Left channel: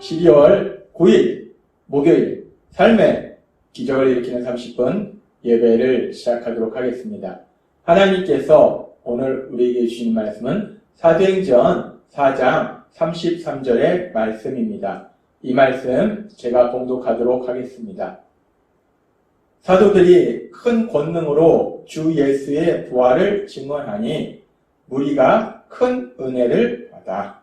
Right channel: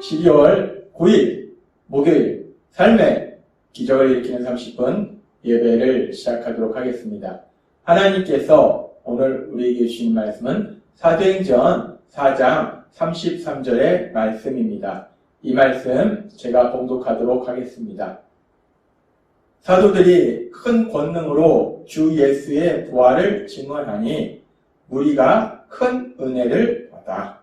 12월 9일 목요일 삶의 기적을 일으키는 30분 예배를 시작하도록 하겠습니다. 하나님께서 오늘 우리에게 주신 말씀은 사도행전 4장 33절의 말씀입니다. 이 말씀 제가 봉독하도록 하겠습니다. 사도들이 큰 권능으로 주 예수의 부활을 증언하니 무리가 큰 은혜를 받아.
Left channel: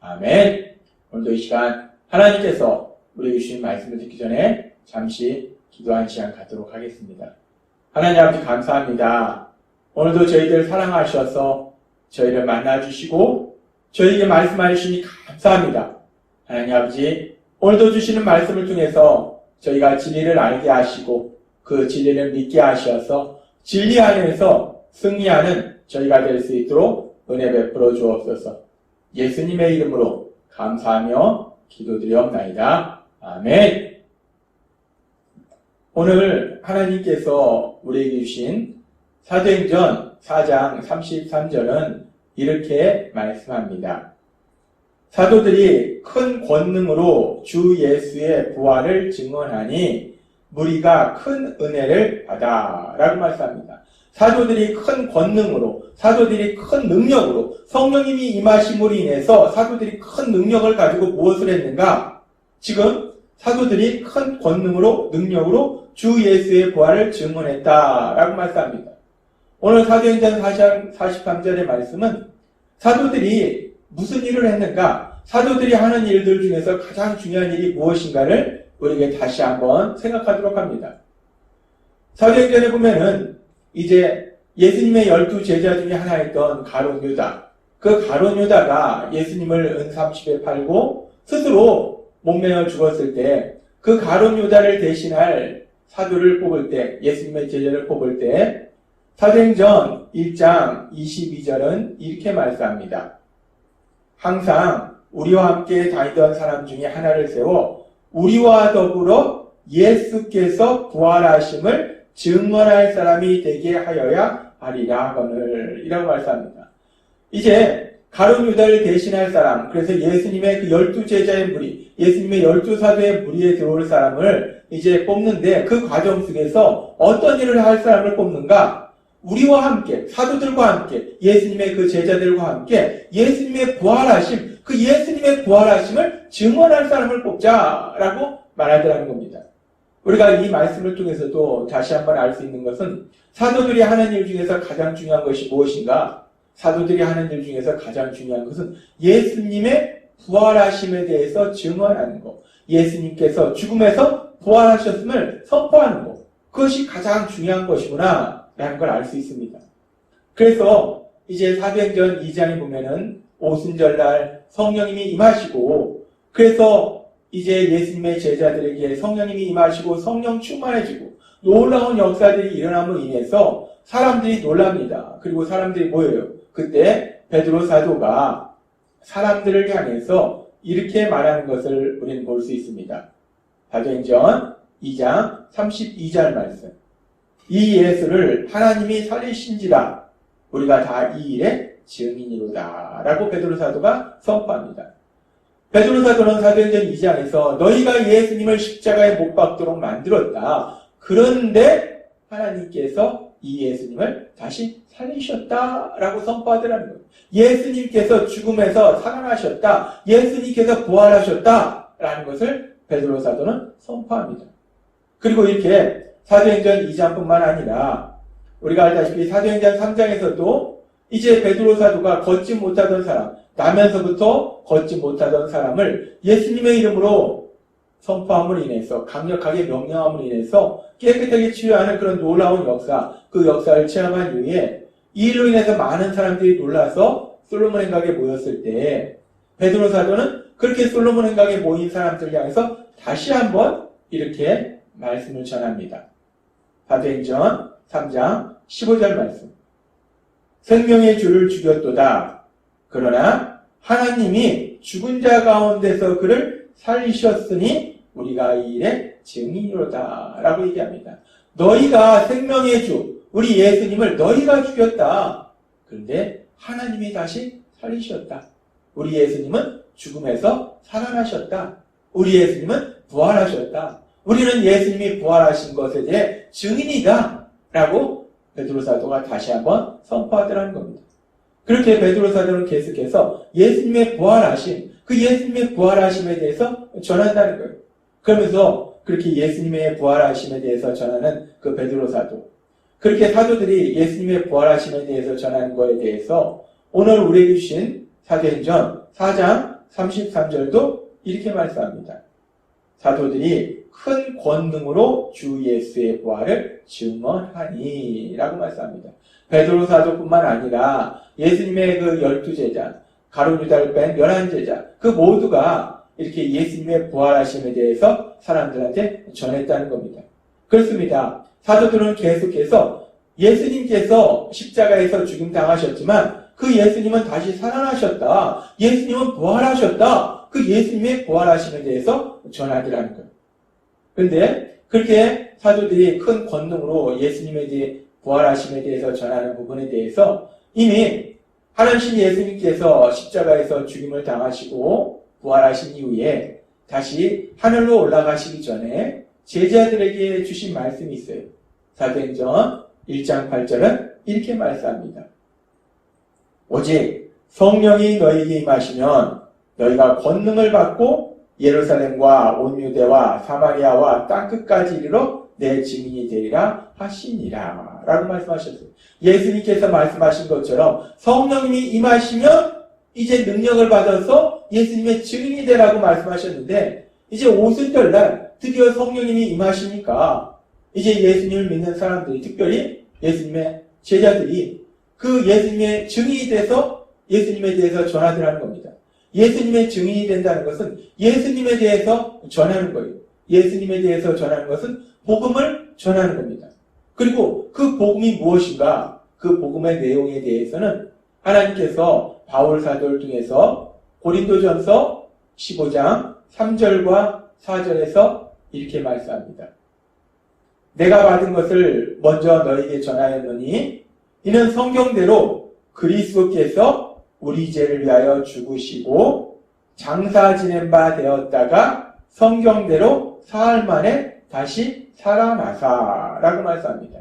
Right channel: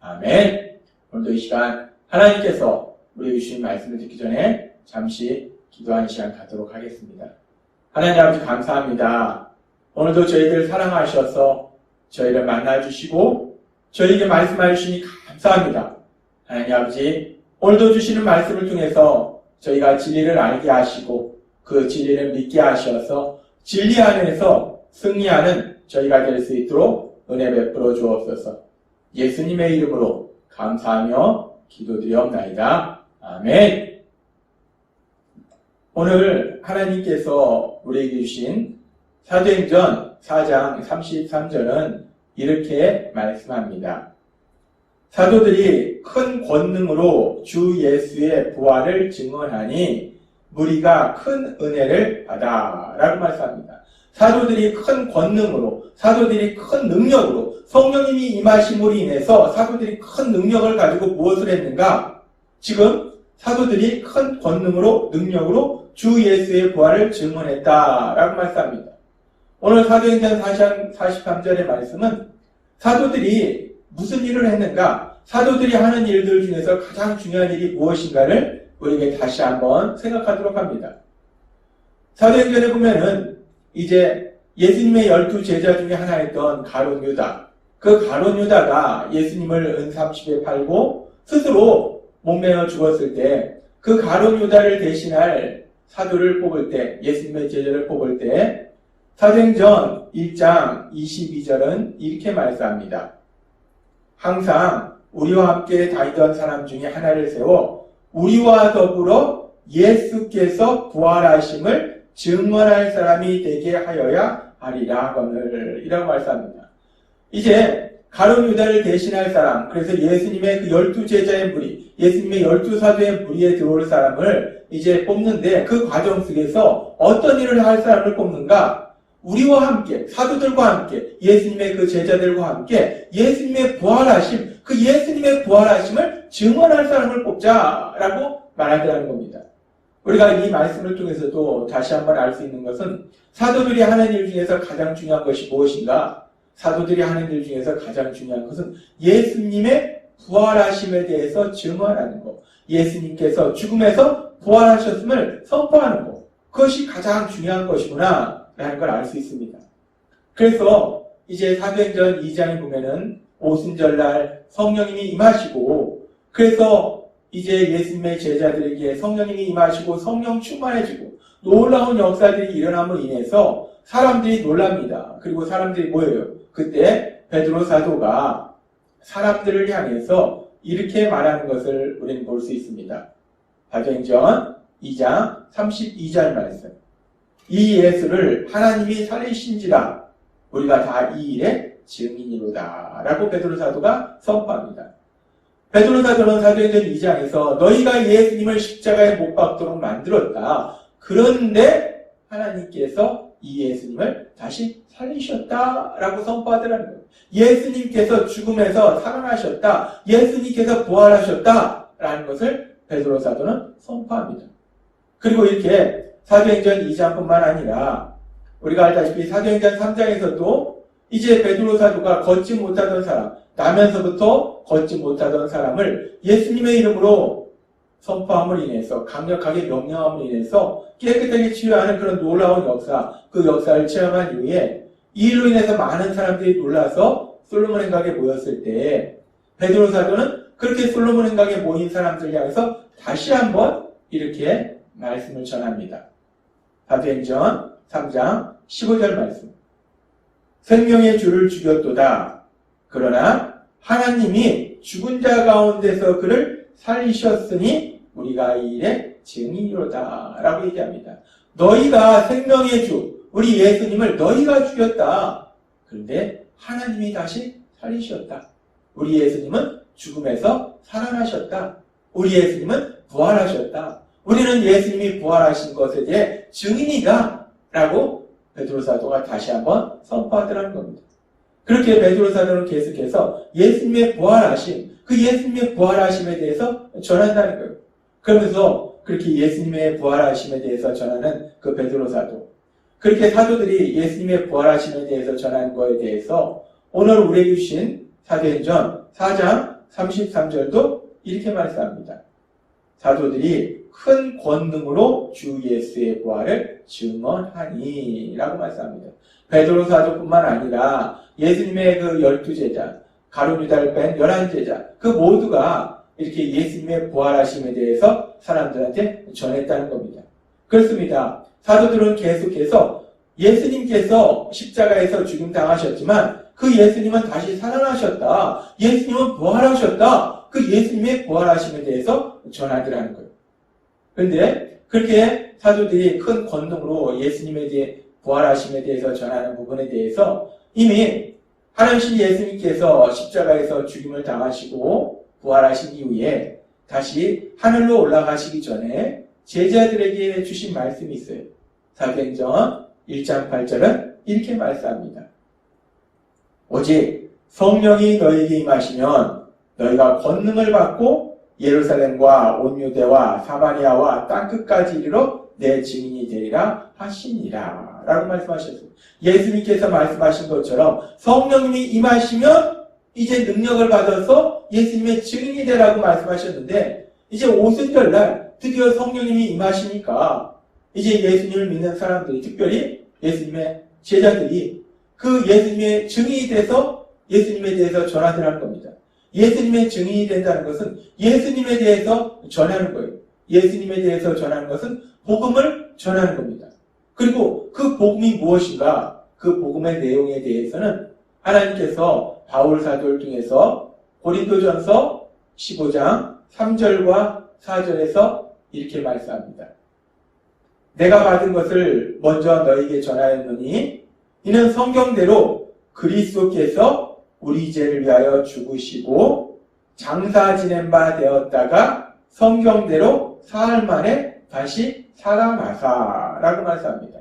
아멘. 오늘도 이 시간 하나님께서 우리에게 주신 말씀을 듣기 전에 잠시 기도하는 시간 갖도록 하겠습니다. 하나님 아버지 감사합니다. 오늘도 저희들 사랑하셔서 저희를 만나주시고 저희에게 말씀해 주시니 감사합니다. 하나님 아버지 오늘도 주시는 말씀을 통해서 저희가 진리를 알게 하시고 그 진리를 믿게 하셔서 진리 안에서 승리하는 저희가 될 수 있도록 은혜 베풀어 주옵소서. 예수님의 이름으로 감사하며 기도드리옵나이다. 아멘. 오늘 하나님께서 우리에게 주신 사도행전 4장 33절은 이렇게 말씀합니다. 사도들이 큰 권능으로 주 예수의 부활을 증언하니 무리가 큰 은혜를 받아 라고 말씀합니다. 사도들이 큰 권능으로, 사도들이 큰 능력으로, 성령님이 임하심으로 인해서 사도들이 큰 능력을 가지고 무엇을 했는가? 지금 사도들이 큰 권능으로, 능력으로 주 예수의 부활을 증언했다라고 말씀합니다. 오늘 사도행전 4장 43절의 말씀은 사도들이 무슨 일을 했는가? 사도들이 하는 일들 중에서 가장 중요한 일이 무엇인가를 우리에게 다시 한번 생각하도록 합니다. 사도행전에 보면은 이제 예수님의 12제자 중에 하나였던 가룟 유다. 그 가룟 유다가 예수님을 은삼십에 팔고 스스로 목매어 죽었을 때 그 가룟 유다를 대신할 사도를 뽑을 때, 예수님의 제자를 뽑을 때 사도행전 1장 22절은 이렇게 말씀합니다. 항상 우리와 함께 다니던 사람 중에 하나를 세워 우리와 더불어 예수께서 부활하심을 증언할 사람이 되게 하여야 하리라 하거늘 이라고 말씀합니다. 이제 가룟 유다를 대신할 사람, 그래서 예수님의 그 12제자의 무리, 예수님의 12사도의 무리에 들어올 사람을 이제 뽑는데 그 과정 속에서 어떤 일을 할 사람을 뽑는가? 우리와 함께, 사도들과 함께, 예수님의 그 제자들과 함께 예수님의 부활하심, 그 예수님의 부활하심을 증언할 사람을 뽑자라고 말하더라는 겁니다. 우리가 이 말씀을 통해서도 다시 한번 알 수 있는 것은 사도들이 하는 일 중에서 가장 중요한 것이 무엇인가? 사도들이 하는 일 중에서 가장 중요한 것은 예수님의 부활하심에 대해서 증언하는 것. 예수님께서 죽음에서 부활하셨음을 선포하는 것. 그것이 가장 중요한 것이구나 라는 걸 알 수 있습니다. 그래서 이제 사도행전 2장에 보면은 오순절날 성령님이 임하시고 그래서 이제 예수님의 제자들에게 성령님이 임하시고 성령 충만해지고 놀라운 역사들이 일어남으로 인해서 사람들이 놀랍니다. 그리고 사람들이 모여요. 그때 베드로 사도가 사람들을 향해서 이렇게 말하는 것을 우리는 볼 수 있습니다. 사도행전 2장 32절 말씀. 이 예수를 하나님이 살리신지라 우리가 다 이 일의 증인이로다 라고 베드로 사도가 선포합니다. 베드로 사도는 사도행전 2장에서 너희가 예수님을 십자가에 못 박도록 만들었다. 그런데 하나님께서 이 예수님을 다시 살리셨다라고 선포하더라는 거예요. 예수님께서 죽음에서 살아나셨다. 예수님께서 부활하셨다라는 것을 베드로 사도는 선포합니다. 그리고 이렇게 사도행전 2장뿐만 아니라 우리가 알다시피 사도행전 3장에서도 이제 베드로 사도가 걷지 못하던 사람, 나면서부터 걷지 못하던 사람을 예수님의 이름으로 선포함으로 인해서 강력하게 명령함으로 인해서 깨끗하게 치유하는 그런 놀라운 역사, 그 역사를 체험한 이후에 이 일로 인해서 많은 사람들이 놀라서 솔로몬 행각에 모였을 때 베드로 사도는 그렇게 솔로몬 행각에 모인 사람들을 향해서 다시 한번 이렇게 말씀을 전합니다. 사도행전 3장 15절 말씀. 생명의 주를 죽였도다. 그러나 하나님이 죽은 자 가운데서 그를 살리셨으니 우리가 이 일의 증인이로다 라고 얘기합니다. 너희가 생명의 주, 우리 예수님을 너희가 죽였다. 그런데 하나님이 다시 살리셨다. 우리 예수님은 죽음에서 살아나셨다. 우리 예수님은 부활하셨다. 우리는 예수님이 부활하신 것에 대해 증인이다. 라고 베드로 사도가 다시 한번 선포하더라는 겁니다. 그렇게 베드로 사도는 계속해서 예수님의 부활하심, 그 예수님의 부활하심에 대해서 전한다는 거예요. 그러면서 그렇게 예수님의 부활하심에 대해서 전하는 그 베드로 사도, 그렇게 사도들이 예수님의 부활하심에 대해서 전하는 거에 대해서 오늘 우리에게 주신 사도행전 4장 33절도 이렇게 말씀합니다. 사도들이 큰 권능으로 주 예수의 부활을 증언하니 라고 말씀합니다. 베드로 사도뿐만 아니라 예수님의 그 12제자, 가룟 유다를 뺀 11제자, 그 모두가 이렇게 예수님의 부활하심에 대해서 사람들한테 전했다는 겁니다. 그렇습니다. 사도들은 계속해서 예수님께서 십자가에서 죽임당하셨지만 그 예수님은 다시 살아나셨다. 예수님은 부활하셨다. 그 예수님의 부활하심에 대해서 전하기라는 거예요. 그런데 그렇게 사도들이 큰 권능으로 예수님에 대해 부활하심에 대해서 전하는 부분에 대해서 이미 하나님 예수님께서 십자가에서 죽임을 당하시고 부활하신 이후에 다시 하늘로 올라가시기 전에 제자들에게 주신 말씀이 있어요. 사도행전 1장 8절은 이렇게 말씀합니다. 오직 성령이 너희에게 임하시면 너희가 권능을 받고 예루살렘과 온 유대와 사마리아와 땅끝까지 이르러 내 증인이 되리라 하시니라 라고 말씀하셨어요. 예수님께서 말씀하신 것처럼 성령님이 임하시면 이제 능력을 받아서 예수님의 증인이 되라고 말씀하셨는데 이제 오순절날 드디어 성령님이 임하시니까 이제 예수님을 믿는 사람들이, 특별히 예수님의 제자들이 그 예수님의 증인이 돼서 예수님에 대해서 전하더라는 겁니다. 예수님의 증인이 된다는 것은 예수님에 대해서 전하는 거예요. 예수님에 대해서 전하는 것은 복음을 전하는 겁니다. 그리고 그 복음이 무엇인가, 그 복음의 내용에 대해서는 하나님께서 바울 사도를 통해서 고린도전서 15장 3절과 4절에서 이렇게 말씀합니다. 내가 받은 것을 먼저 너희에게 전하였느니 이는 성경대로 그리스도께서 우리 죄를 위하여 죽으시고 장사 지낸 바 되었다가 성경대로 사흘 만에 다시 살아나사라고 말씀합니다.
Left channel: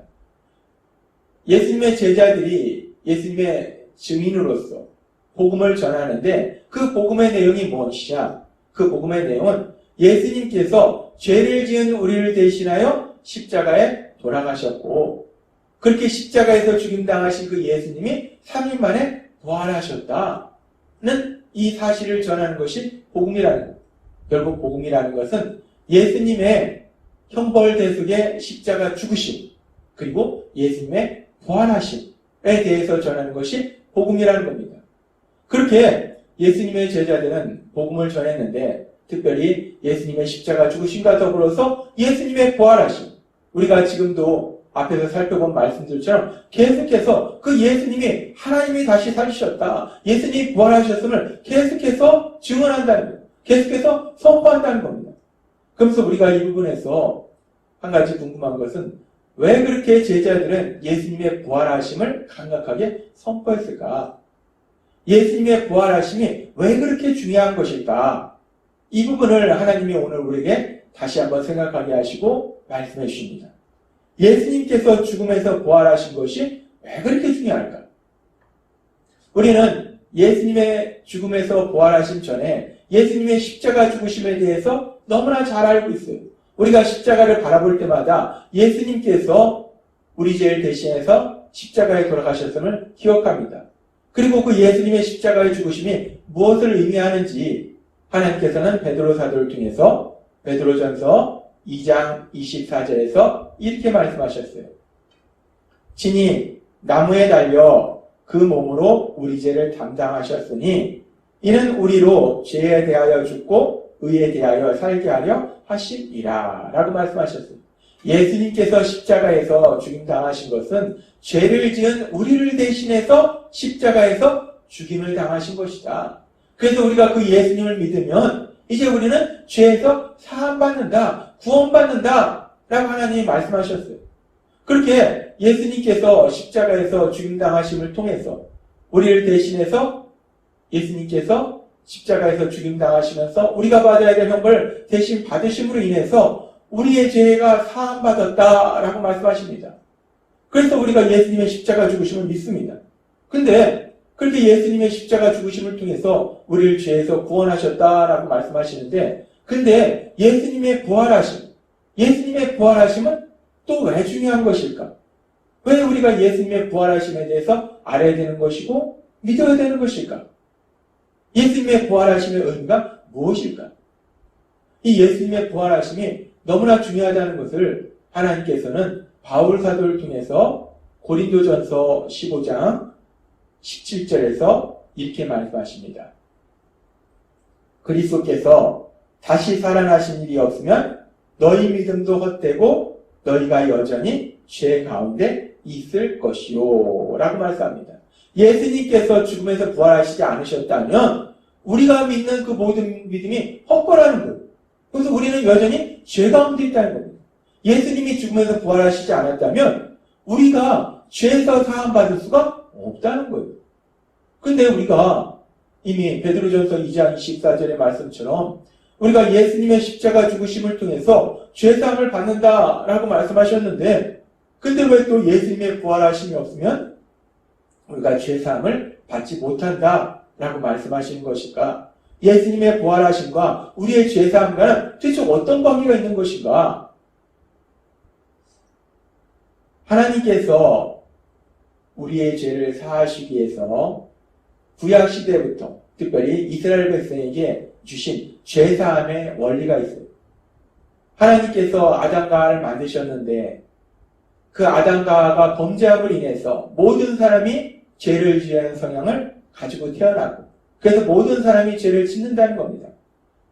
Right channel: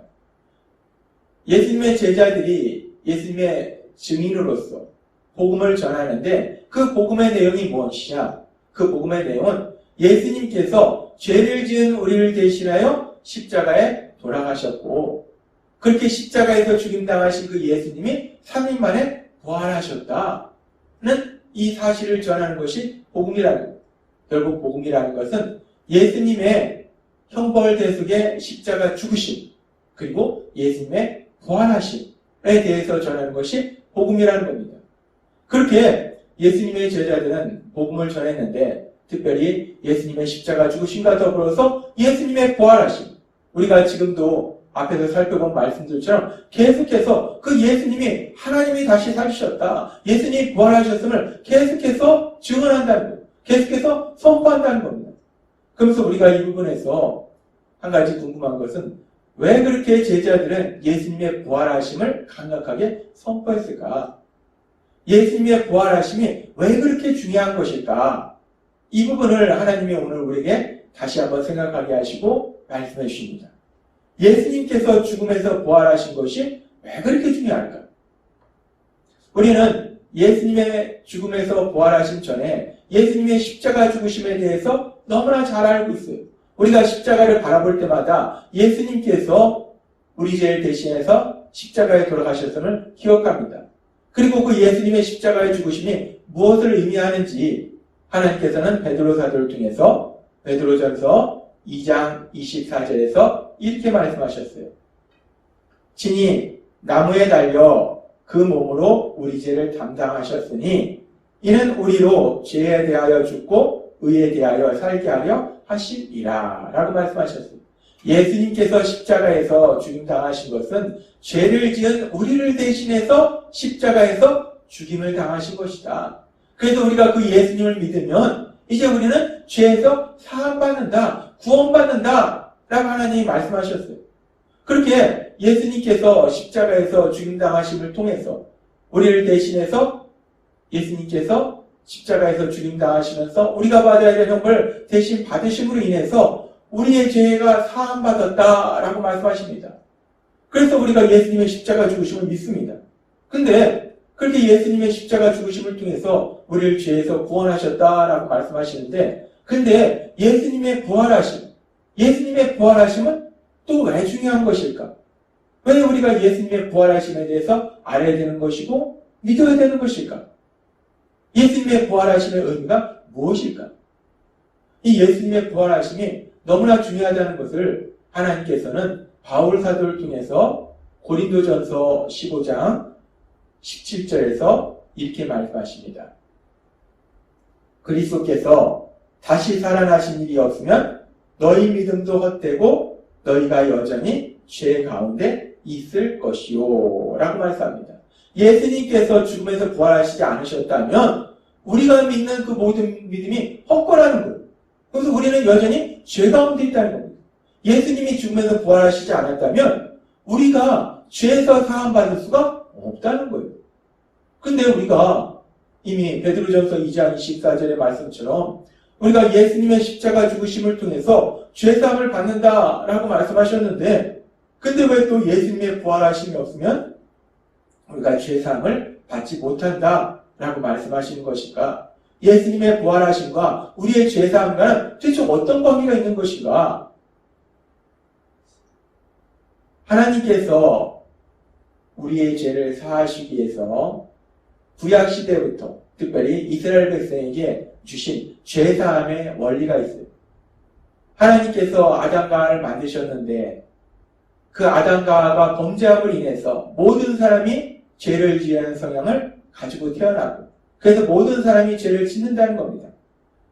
예수님의 제자들이 예수님의 증인으로서 복음을 전하는데 그 복음의 내용이 무엇이냐? 그 복음의 내용은 예수님께서 죄를 지은 우리를 대신하여 십자가에 돌아가셨고 그렇게 십자가에서 죽임당하신 그 예수님이 3일 만에 부활하셨다는 이 사실을 전하는 것이 복음이라는 것. 결국 복음이라는 것은 예수님의 형벌 대속의 십자가 죽으심 그리고 예수님의 부활하심에 대해서 전하는 것이 복음이라는 겁니다. 그렇게 예수님의 제자들은 복음을 전했는데 특별히 예수님의 십자가 죽으심과 더불어서 예수님의 부활하심, 우리가 지금도 앞에서 살펴본 말씀들처럼 계속해서 그 예수님이 하나님이 다시 살으셨다, 예수님이 부활하셨음을 계속해서 증언한다는 거예요. 계속해서 선포한다는 겁니다. 그러면서 우리가 이 부분에서 한 가지 궁금한 것은 왜 그렇게 제자들은 예수님의 부활하심을 강력하게 선포했을까? 예수님의 부활하심이 왜 그렇게 중요한 것일까? 이 부분을 하나님이 오늘 우리에게 다시 한번 생각하게 하시고 말씀해 주십니다. 예수님께서 죽음에서 부활하신 것이 왜 그렇게 중요할까? 우리는 예수님의 죽음에서 부활하신 전에 예수님의 십자가 죽으심에 대해서 너무나 잘 알고 있어요. 우리가 십자가를 바라볼 때마다 예수님께서 우리 죄를 대신해서 십자가에 돌아가셨음을 기억합니다. 그리고 그 예수님의 십자가의 죽으심이 무엇을 의미하는지 하나님께서는 베드로 사도를 통해서 베드로전서 2장 24절에서 이렇게 말씀하셨어요. 친히 나무에 달려 그 몸으로 우리 죄를 담당하셨으니 이는 우리로 죄에 대하여 죽고 의에 대하여 살게 하려 하시리라 라고 말씀하셨습니다. 예수님께서 십자가에서 죽임당하신 것은 죄를 지은 우리를 대신해서 십자가에서 죽임을 당하신 것이다. 그래서 우리가 그 예수님을 믿으면 이제 우리는 죄에서 사함받는다, 구원받는다 라고 하나님이 말씀하셨어요. 그렇게 예수님께서 십자가에서 죽임당하심을 통해서 우리를 대신해서 예수님께서 십자가에서 죽임당하시면서 우리가 받아야 될 형벌 대신 받으심으로 인해서 우리의 죄가 사함받았다라고 말씀하십니다. 그래서 우리가 예수님의 십자가 죽으심을 믿습니다. 근데 그렇게 예수님의 십자가 죽으심을 통해서 우리를 죄에서 구원하셨다라고 말씀하시는데, 근데 예수님의 부활하심은 또 왜 중요한 것일까? 왜 우리가 예수님의 부활하심에 대해서 알아야 되는 것이고 믿어야 되는 것일까? 예수님의 부활하심의 의미가 무엇일까? 이 예수님의 부활하심이 너무나 중요하다는 것을 하나님께서는 바울 사도를 통해서 고린도전서 15장 17절에서 이렇게 말씀하십니다. 그리스도께서 다시 살아나신 일이 없으면 너희 믿음도 헛되고 너희가 여전히 죄 가운데 있을 것이요 라고 말씀합니다. 예수님께서 죽음에서 부활하시지 않으셨다면 우리가 믿는 그 모든 믿음이 헛거라는 거예요. 그래서 우리는 여전히 죄 가운데 있다는 겁니다. 예수님이 죽음에서 부활하시지 않았다면 우리가 죄에서 사함받을 수가 없다는 거예요. 근데 우리가 이미 베드로전서 2장 24절의 말씀처럼 우리가 예수님의 십자가 죽으심을 통해서 죄사함을 받는다라고 말씀하셨는데, 근데 왜 또 예수님의 부활하심이 없으면 우리가 죄사함을 받지 못한다라고 말씀하시는 것인가? 예수님의 부활하심과 우리의 죄사함과는 도대체 어떤 관계가 있는 것인가? 하나님께서 우리의 죄를 사하시기 위해서 구약시대부터 특별히 이스라엘 백성에게 주신 죄사함의 원리가 있어요. 하나님께서 아담과 하와를 만드셨는데 그 아담과 하와가 범죄함으로 인해서 모든 사람이 죄를 지은 성향을 가지고 태어나고, 그래서 모든 사람이 죄를 짓는다는 겁니다.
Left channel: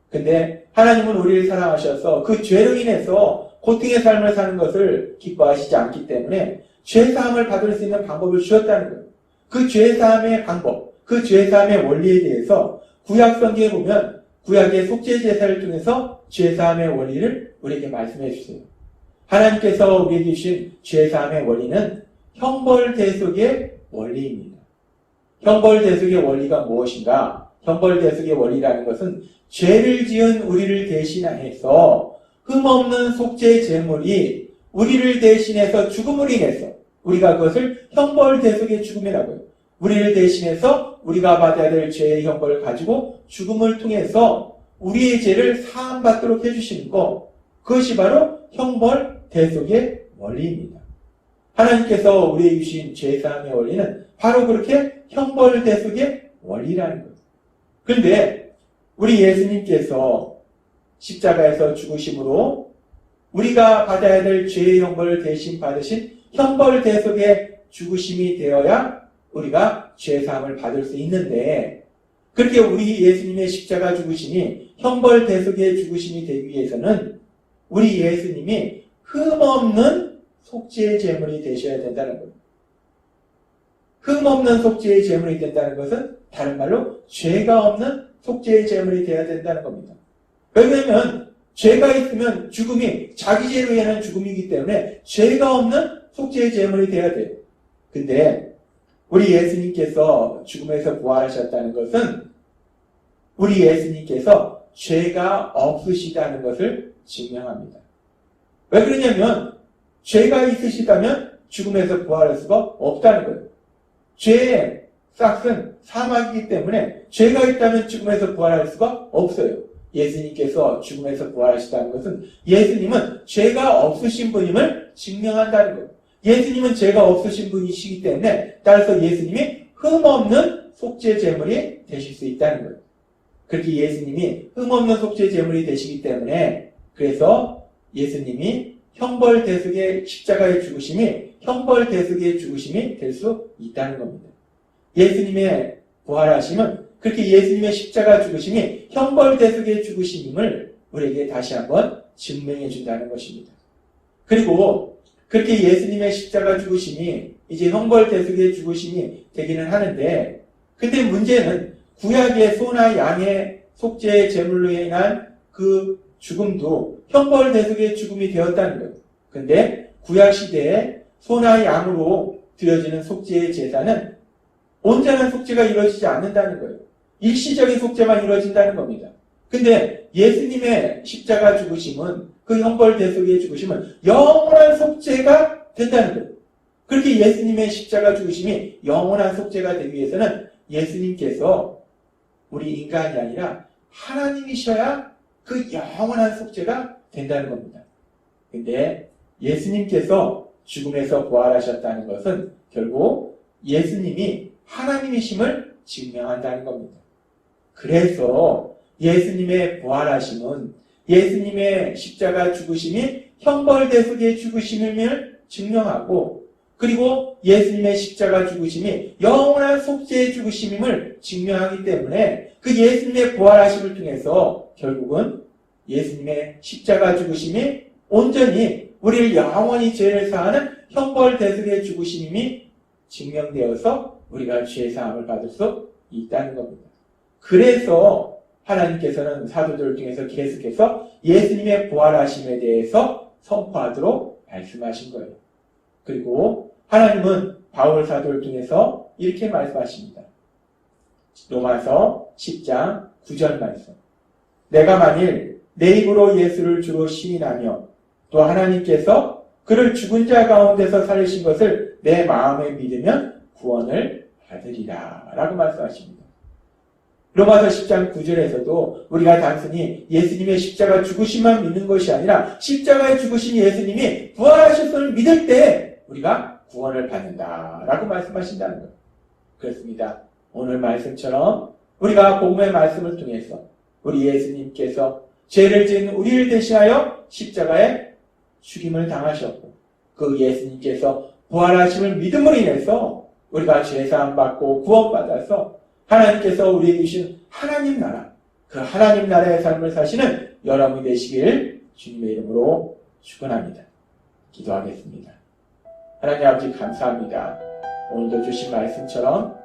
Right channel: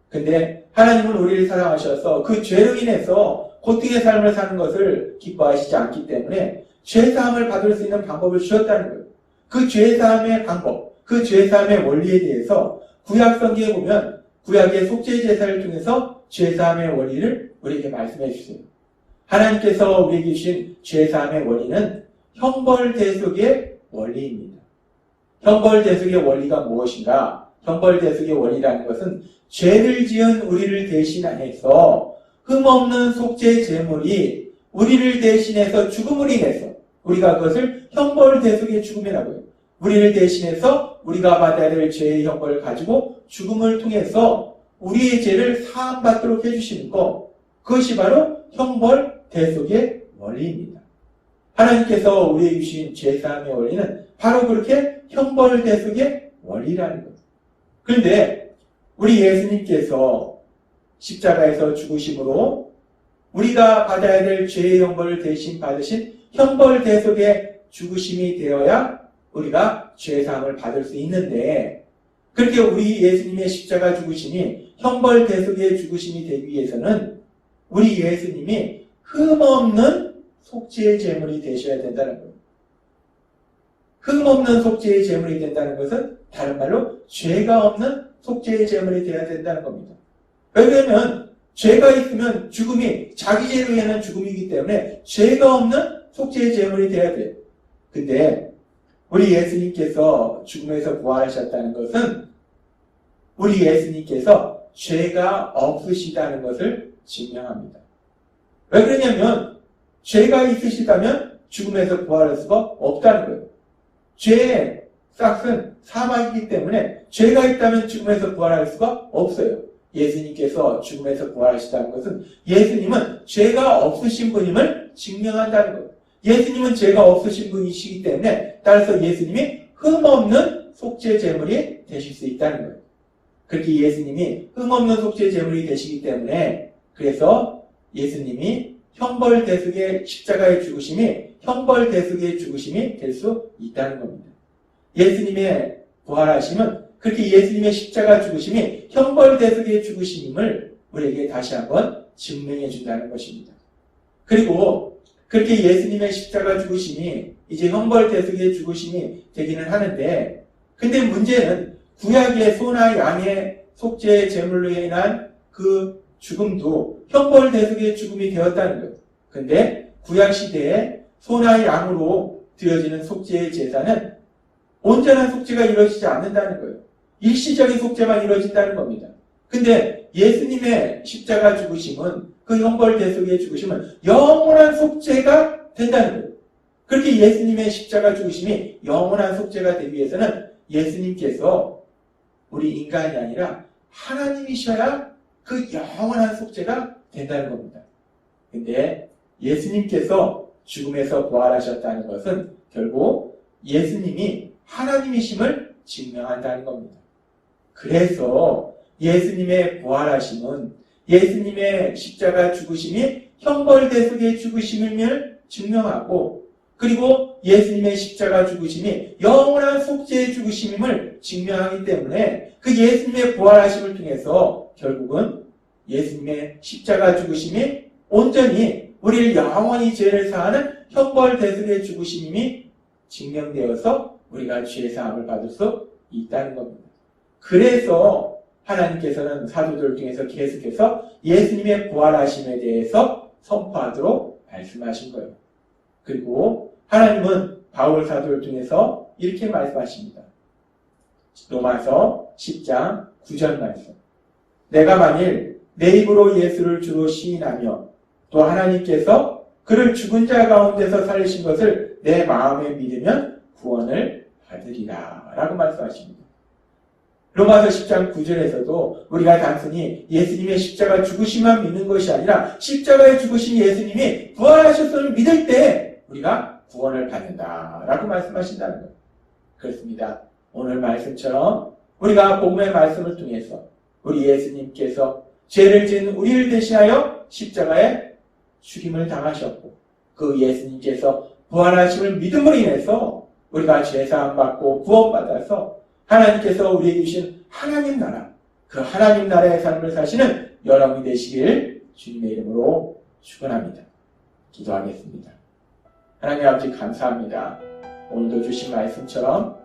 근데 하나님은 우리를 사랑하셔서 그 죄로 인해서 고통의 삶을 사는 것을 기뻐하시지 않기 때문에 죄사함을 받을 수 있는 방법을 주셨다는 거예요. 그 죄사함의 방법, 그 죄사함의 원리에 대해서 구약 성경에 보면 구약의 속죄 제사를 통해서 죄사함의 원리를 우리에게 말씀해 주세요. 하나님께서 우리에게 주신 죄사함의 원리는 형벌대속의 원리입니다. 형벌대속의 원리가 무엇인가? 형벌대속의 원리라는 것은 죄를 지은 우리를 대신해서 흠없는 속죄 제물이 우리를 대신해서 죽음을 인해서 우리가 그것을 형벌대속의 죽음이라고 해요. 우리를 대신해서 우리가 받아야 될 죄의 형벌을 가지고 죽음을 통해서 우리의 죄를 사함받도록 해주시는 것, 그것이 바로 형벌대속의 원리입니다. 하나님께서 우리에게 주신 죄사함의 원리는 바로 그렇게 형벌대속의 원리라는 거예요. 그런데 우리 예수님께서 십자가에서 죽으심으로 우리가 받아야 될 죄의 형벌을 대신 받으신 형벌대속의 죽으심이 되어야 우리가 죄사함을 받을 수 있는데, 그렇게 우리 예수님의 십자가 죽으심이 형벌대속의 죽으심이 되기 위해서는 우리 예수님이 흠없는 속죄의 제물이 되셔야 된다는 거예요. 흠없는 속죄의 제물이 된다는 것은 다른 말로 죄가 없는 속죄의 제물이 되어야 된다는 겁니다. 왜냐하면 죄가 있으면 죽음이 자기 죄로 인한 죽음이기 때문에 죄가 없는 속죄의 제물이 되어야 돼요. 근데 우리 예수님께서 죽음에서 부활하셨다는 것은 우리 예수님께서 죄가 없으시다는 것을 증명합니다. 왜 그러냐면 죄가 있으시다면 죽음에서 부활할 수가 없다는 거예요. 죄의 싹은 사망이기 때문에 죄가 있다면 죽음에서 부활할 수가 없어요. 예수님께서 죽음에서 부활하시다는 것은 예수님은 죄가 없으신 분임을 증명한다는 거예요. 예수님은 죄가 없으신 분이시기 때문에 따라서 예수님이 흠없는 속죄 제물이 되실 수 있다는 거예요. 그렇게 예수님이 흠없는 속죄 제물이 되시기 때문에 그래서 예수님이 형벌대속의 십자가의 죽으심이 형벌대속의 죽으심이 될 수 있다는 겁니다. 예수님의 부활하심은 그렇게 예수님의 십자가 죽으심이 형벌대속의 죽으심임을 우리에게 다시 한번 증명해 준다는 것입니다. 그리고 그렇게 예수님의 십자가 죽으심이 이제 형벌대속의 죽으심이 되기는 하는데, 근데 문제는 구약의 소나 양의 속죄의 제물로 인한 그 죽음도 형벌대속의 죽음이 되었다는 거예요. 근데 구약시대에 소나 양으로 드려지는 속죄의 제사는 온전한 속죄가 이루어지지 않는다는 거예요. 일시적인 속죄만 이루어진다는 겁니다. 근데 예수님의 십자가 죽으심은, 그 형벌 대속의 죽으심은 영원한 속죄가 된다는 거예요. 그렇게 예수님의 십자가 죽으심이 영원한 속죄가 되기 위해서는 예수님께서 우리 인간이 아니라 하나님이셔야 그 영원한 속죄가 된다는 겁니다. 근데 예수님께서 죽음에서 부활하셨다는 것은 결국 예수님이 하나님이심을 증명한다는 겁니다. 그래서 예수님의 부활하심은 예수님의 십자가 죽으심이 형벌 대속의 죽으심을 증명하고, 그리고 예수님의 십자가 죽으심이 영원한 속죄의 죽으심임을 증명하기 때문에 그 예수님의 부활하심을 통해서 결국은 예수님의 십자가 죽으심이 온전히 우리를 영원히 죄를 사하는 형벌 대속의 죽으심이 증명되어서 우리가 죄 사함을 받을 수 있다는 겁니다. 그래서 하나님께서는 사도들을 통해서 계속해서 예수님의 부활하심에 대해서 선포하도록 말씀하신 거예요. 그리고 하나님은 바울 사도를 통해서 이렇게 말씀하십니다. 로마서 10장 9절 말씀. 내가 만일 내 입으로 예수를 주로 시인하며 또 하나님께서 그를 죽은 자 가운데서 살리신 것을 내 마음에 믿으면 구원을 받으리라 라고 말씀하십니다. 로마서 10장 9절에서도 우리가 단순히 예수님의 십자가 죽으심만 믿는 것이 아니라 십자가에 죽으신 예수님이 부활하셨음을 믿을 때 우리가 구원을 받는다라고 말씀하신다는 것. 그렇습니다. 오늘 말씀처럼 우리가 복음의 말씀을 통해서 우리 예수님께서 죄를 지은 우리를 대신하여 십자가에 죽임을 당하셨고, 그 예수님께서 부활하심을 믿음으로 인해서 우리가 죄사함 받고 구원받아서 하나님께서 우리에게 주신 하나님 나라, 그 하나님 나라의 삶을 사시는 여러분이 되시길 주님의 이름으로 축원합니다. 기도하겠습니다. 하나님 아버지 감사합니다. 오늘도 주신 말씀처럼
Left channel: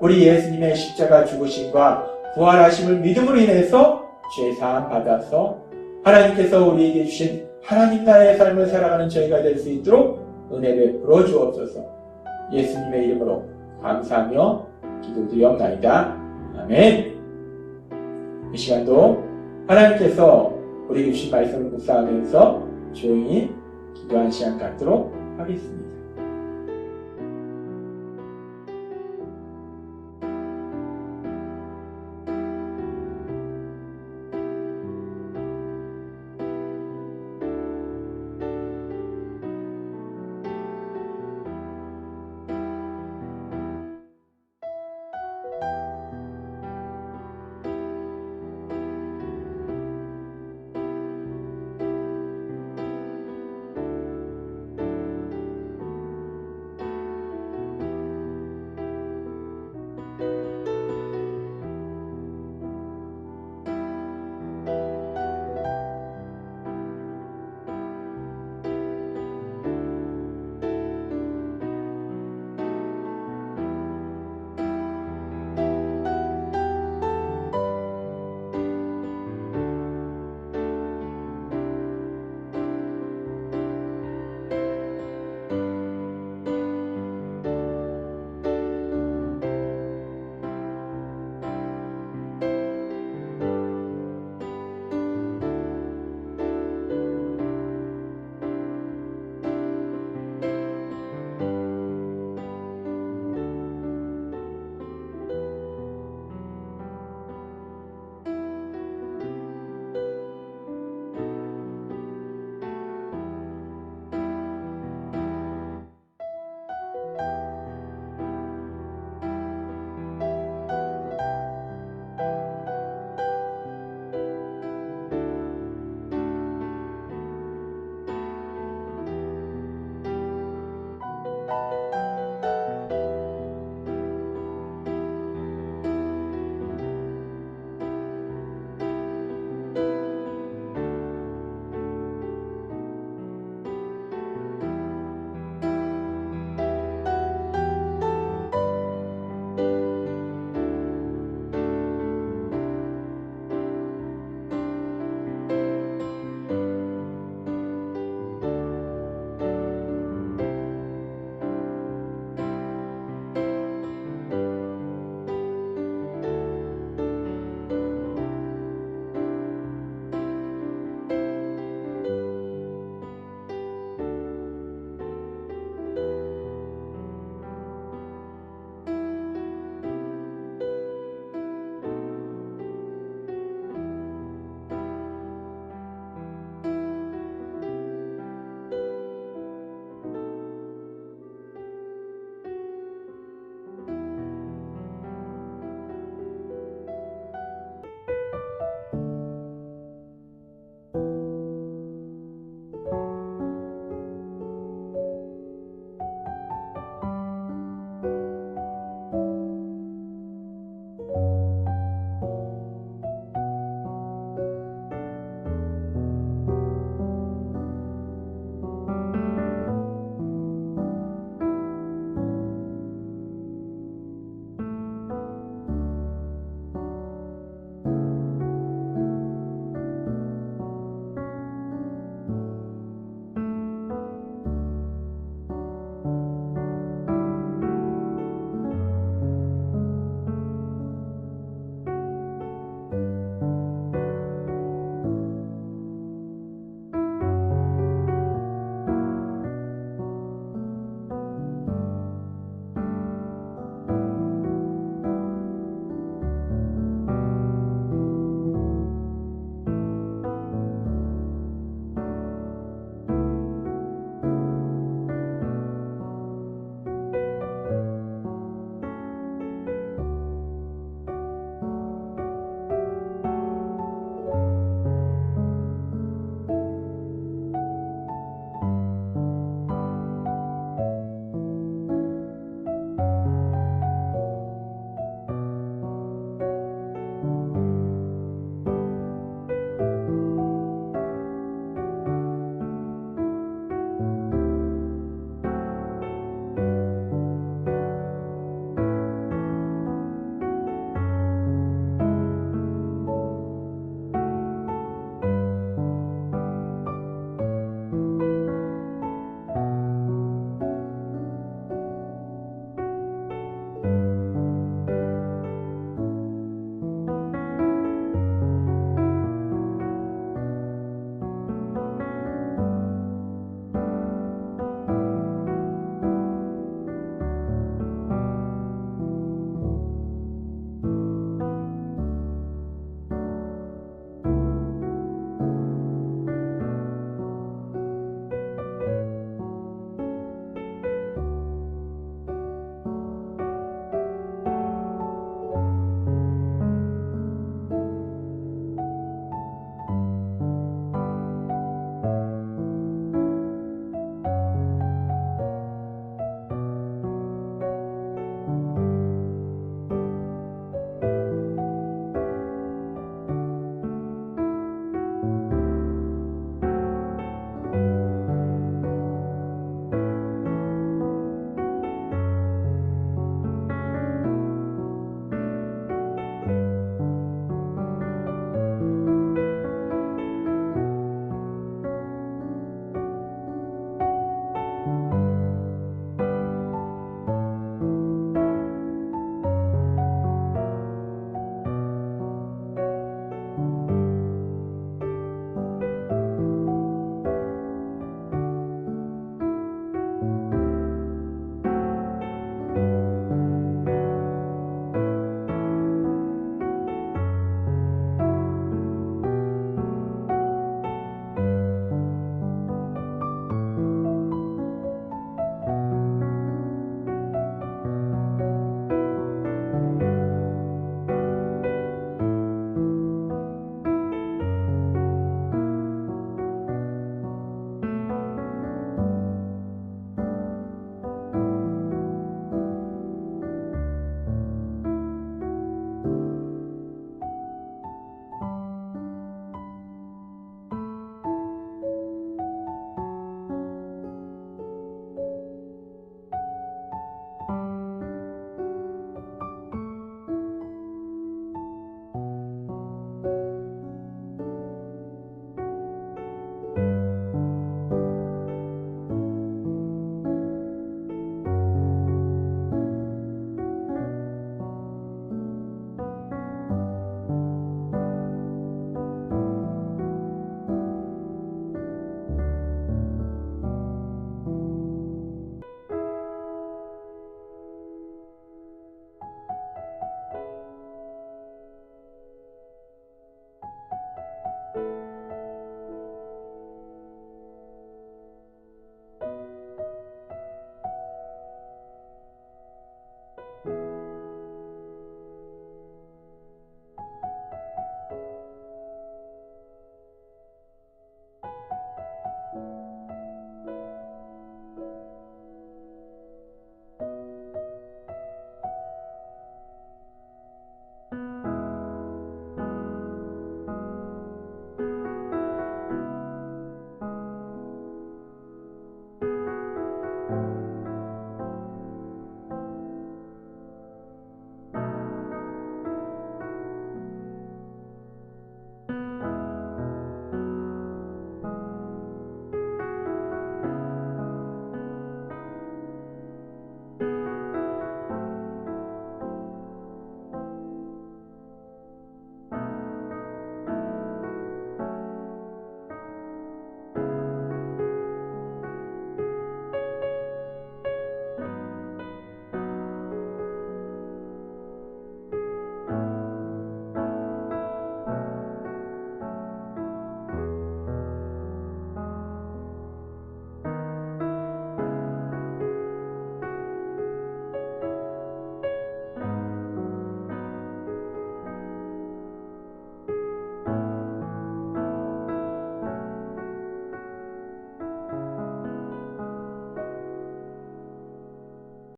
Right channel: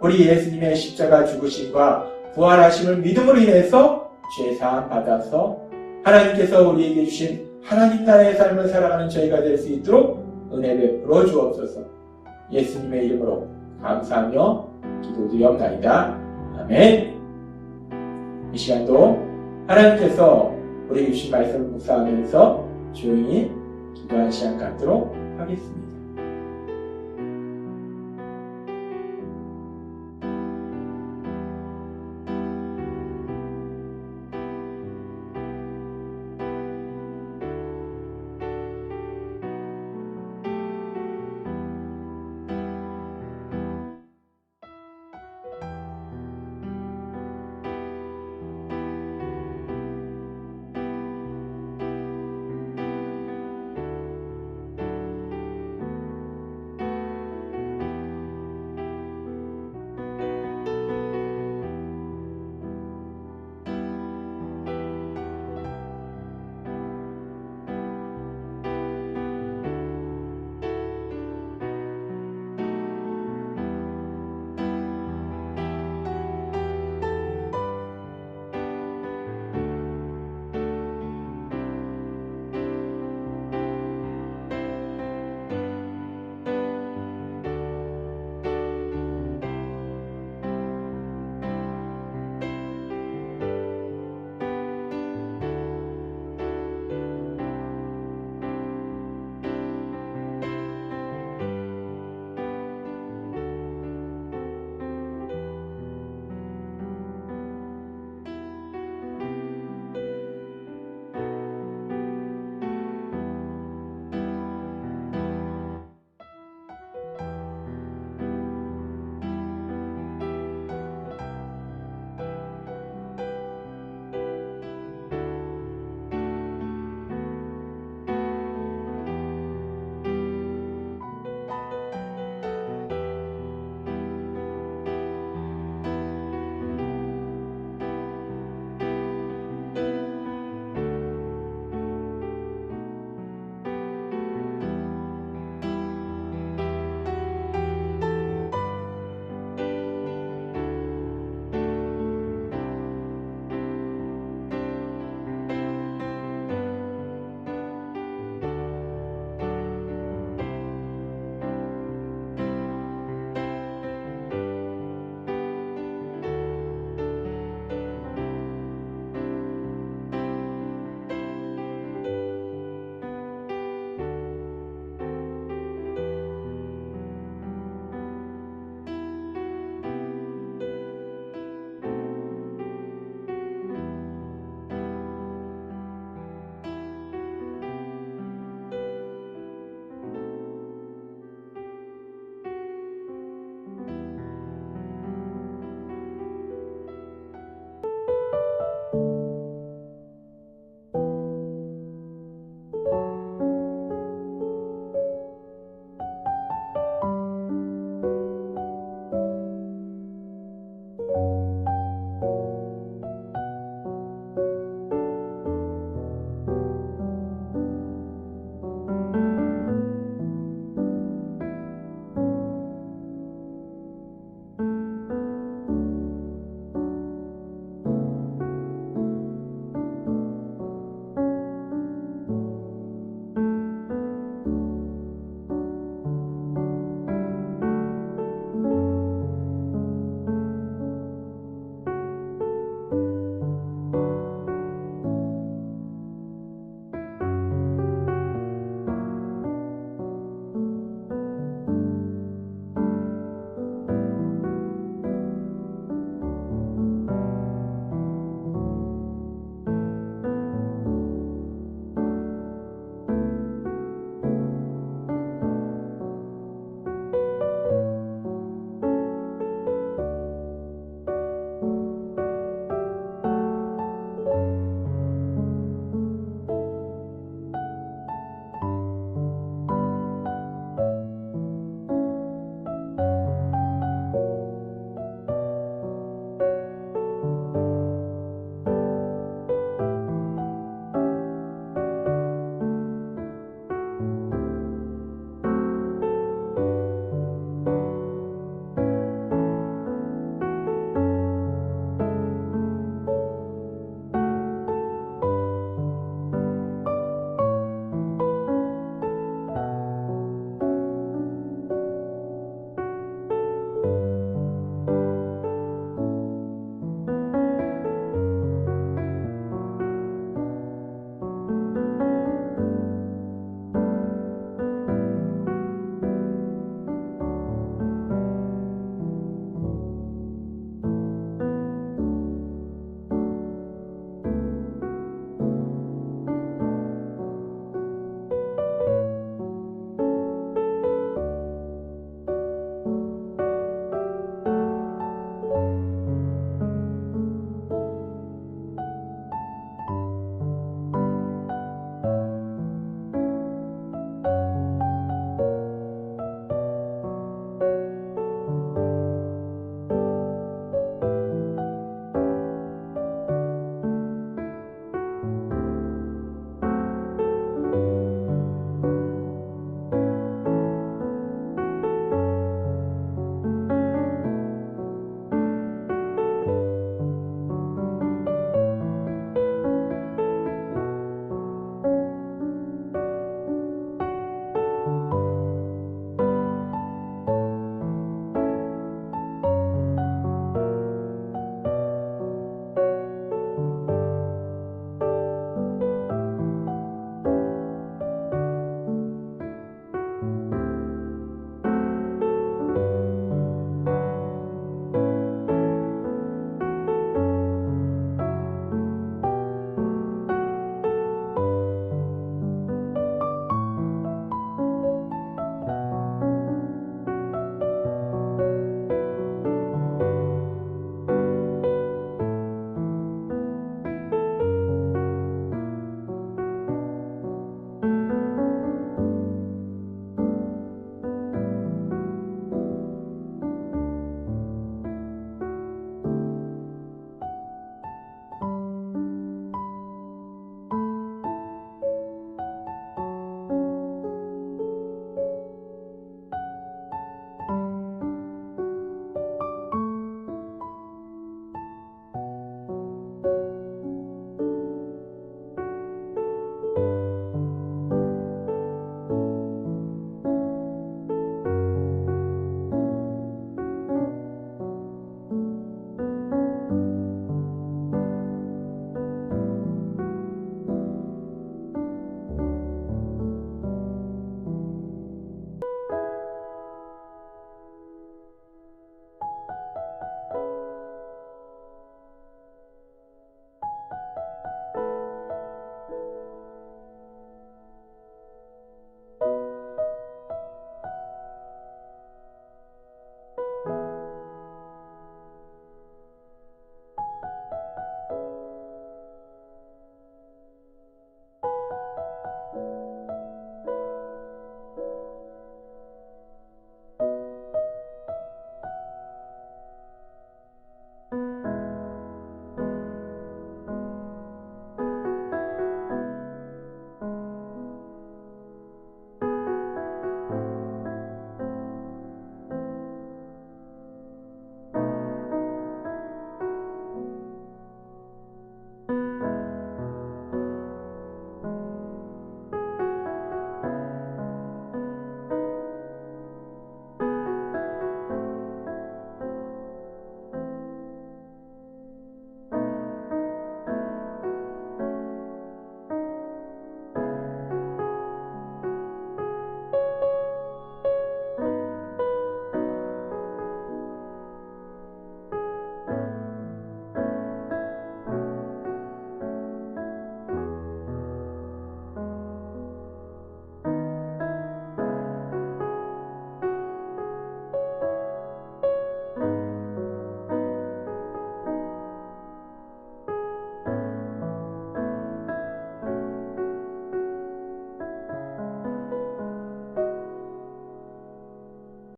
우리 예수님의 십자가 죽으심과 부활하심을 믿음으로 인해서 죄사함 받아서 하나님께서 우리에게 주신 하나님 나라의 삶을 살아가는 저희가 될 수 있도록 은혜 베풀어 주옵소서. 예수님의 이름으로 감사하며 기도드리옵나이다. 아멘. 이 시간도 하나님께서 우리에게 주신 말씀을 묵상하면서 조용히 기도한 시간 갖도록 하겠습니다.